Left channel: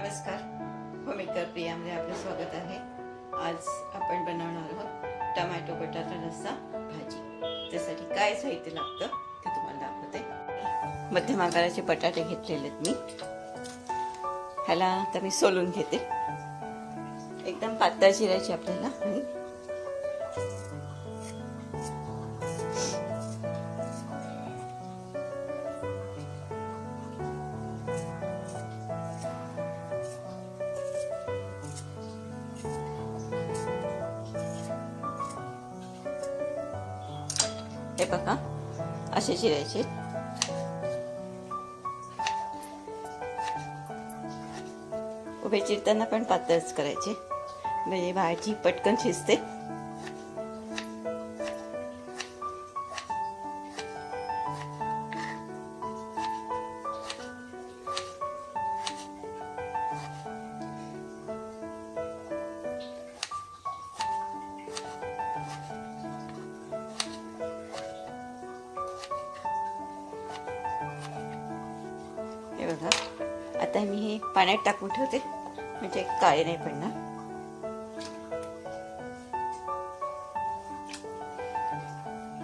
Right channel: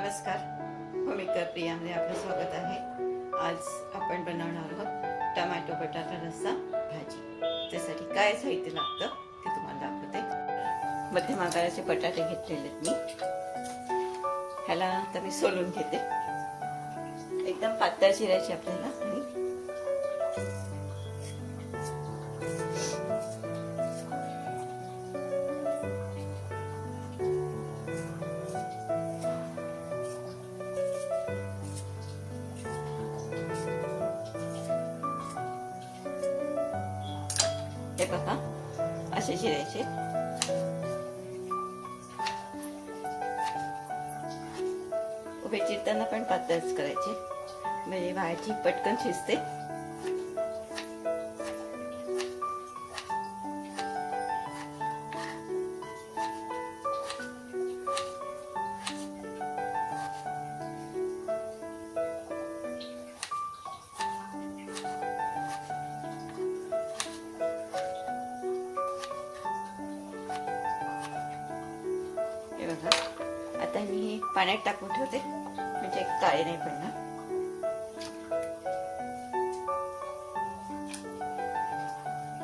नमस्कार, होममेकर प्रियामध्ये आपलं स्वागत आहे। आज आपण बनवणार आहोत टोमॅटो बटाटा रस्सा भाजी। त्यासाठी काय साहित्य लागतं ते तुम्हाला दाखवते। मध्यम आकाराचे बटाटे घेतलेले आहेत मी। ह्याला आता मी सोलून घेते। एकदम पातळ चिरायचे आपल्याला आणि हे बघा असे चिरायचे। उभे चिरताना पण पातळच करायचे म्हणजे भाजी पटकन शिजते। हे बघा आता मी हे पाण्यात टाकून ठेवते म्हणजे काळे नाही पडणार।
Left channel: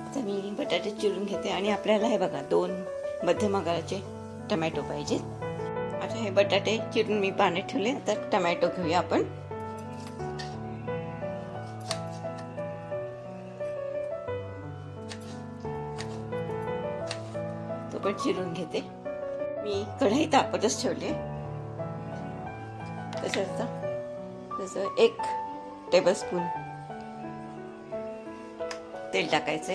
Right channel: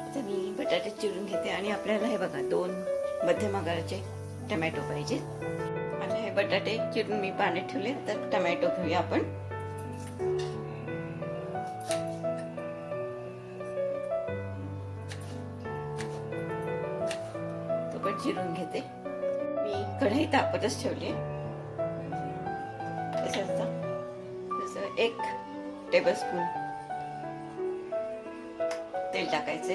आता मी बटाटे चिरून घेते आणि आपल्याला हे बघा 2 मध्यम आकाराचे टोमॅटो पाहिजे। आता हे बटाटे चिरून मी पाण्यात ठेवले। तर टोमॅटो घेऊया आपण। तो पण चिरून घेते। मी कढई तापतच ठेवली। जसं 1 टेबलस्पून तेल टाकायचे।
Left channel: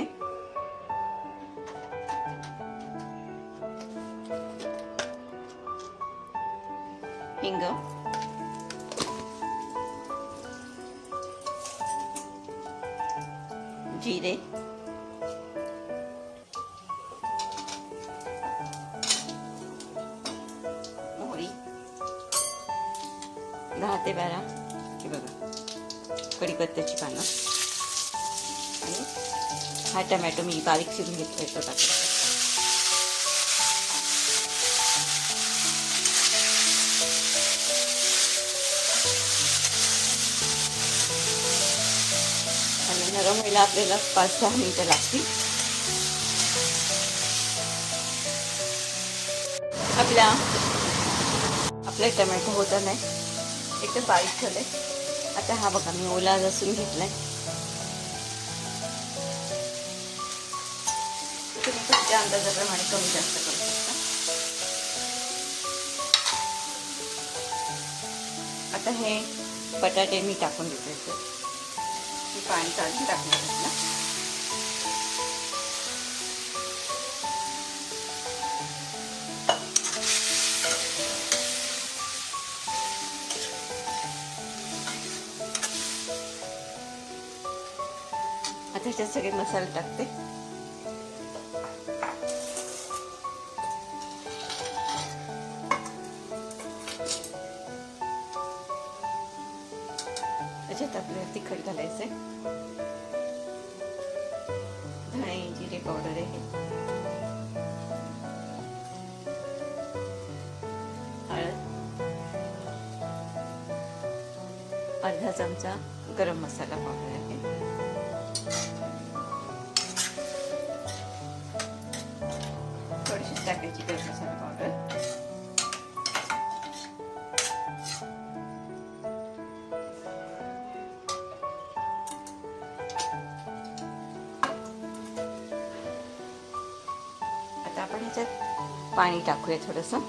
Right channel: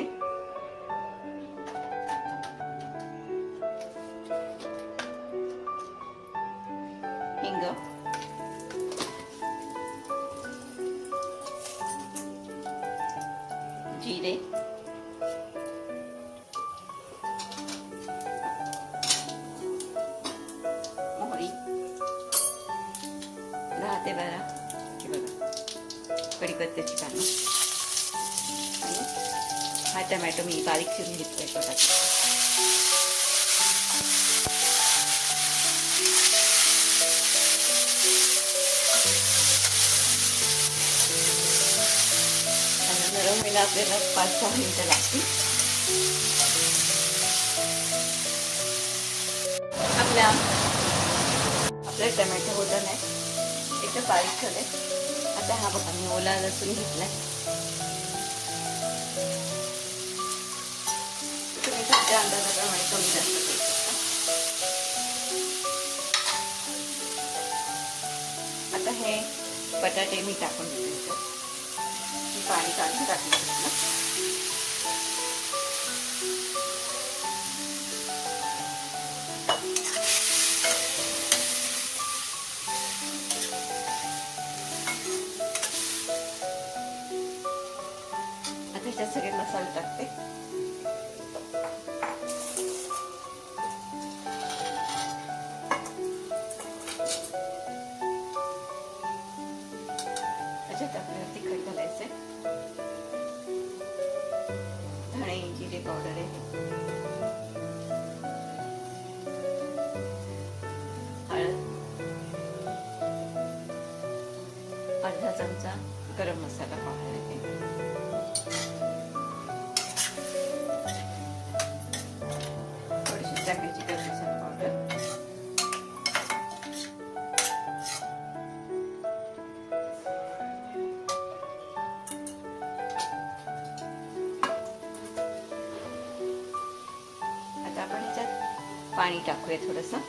हिंग, जिरे, मोहरी 10 ते 12 हे बघा कढीपत्त्याची पानं आणि हा टोमॅटो मी बारीक चिरून घेतलाय तो टाकला। आणि नरम व्हायला आपल्याला 5-6 मिनिटं लागतील। आपले टोमॅटो होत नाही एकदम बारीक झाले। आता हा बघा मी ओला लसूण घेतलाय। तुम्ही तुमच्या अंदाजाप्रमाणे कमी जास्त करू शकता। आता हे बटाटे मी टाकून देते। पाणी काढून टाकलं घेतलं। आता ह्याच्यात सगळे मसाले टाकते। त्याच्यात आपल्याला तिखट घालायचंय। धणे जिरे पावडर आहे। हळद, अर्धा चमचा गरम मसाला पावडर आहे। थोडीशी टाकायची गरम मसाला पावडर। आता आपण ह्याच्यात पाणी टाकूया थोडंसं,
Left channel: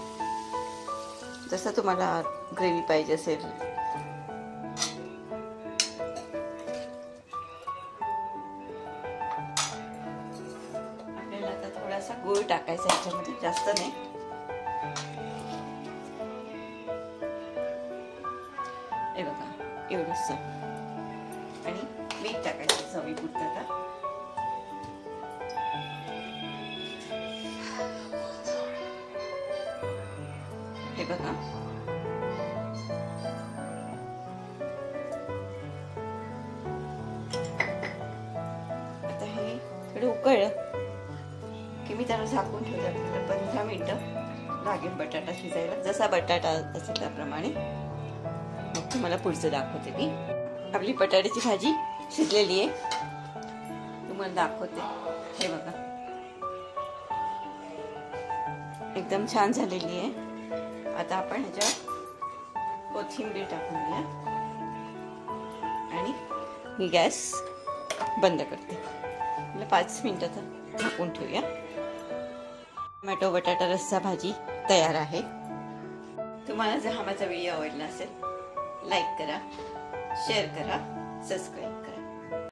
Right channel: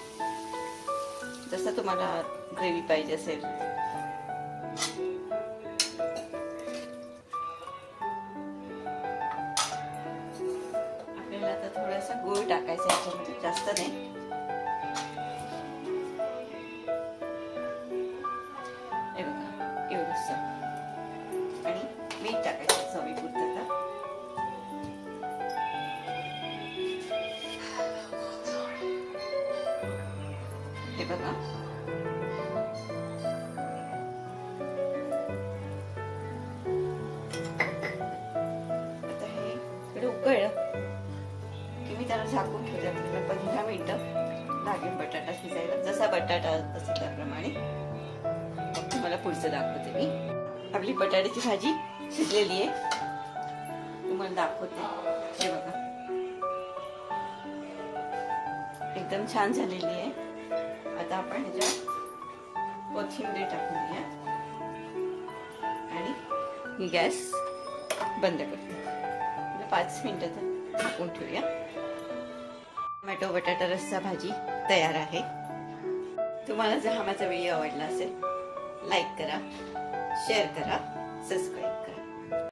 जसं तुम्हाला ग्रेव्ही पाहिजे असेल। आपल्याला आता थोडासा गूळ टाकायचा ह्याच्यामध्ये, जास्त नाही। हे बघा एवढंच आणि मीठ टाकायचं चवीपुरतं। आता हे बघा आता हे थोडं उकळलं की मी त्याला झाकून ठेवते आपल्याला 15 मिनिटं। लागेल बटाटा शिजायला. जसा बटाटा असेल त्याप्रमाणे. मग तुम्हाला पुढचं दाखवते मी. आपली बटाट्याची भाजी शिजलेली आहे, तुम्हाला दाखवते. हे बघा, एकदम छान झालेली आहे. आता आपण ह्याच्यात कोथिंबीर टाकूया आणि मी गॅस बंद करते. 5 मिनिटाचा झाकून ठेवूया. टोमॅटो बटाटा रस्सा भाजी तयार आहे. तुम्हाला जर हा माझा व्हिडिओ आवडला असेल, लाईक करा, शेअर करा, सबस्क्राईब करा.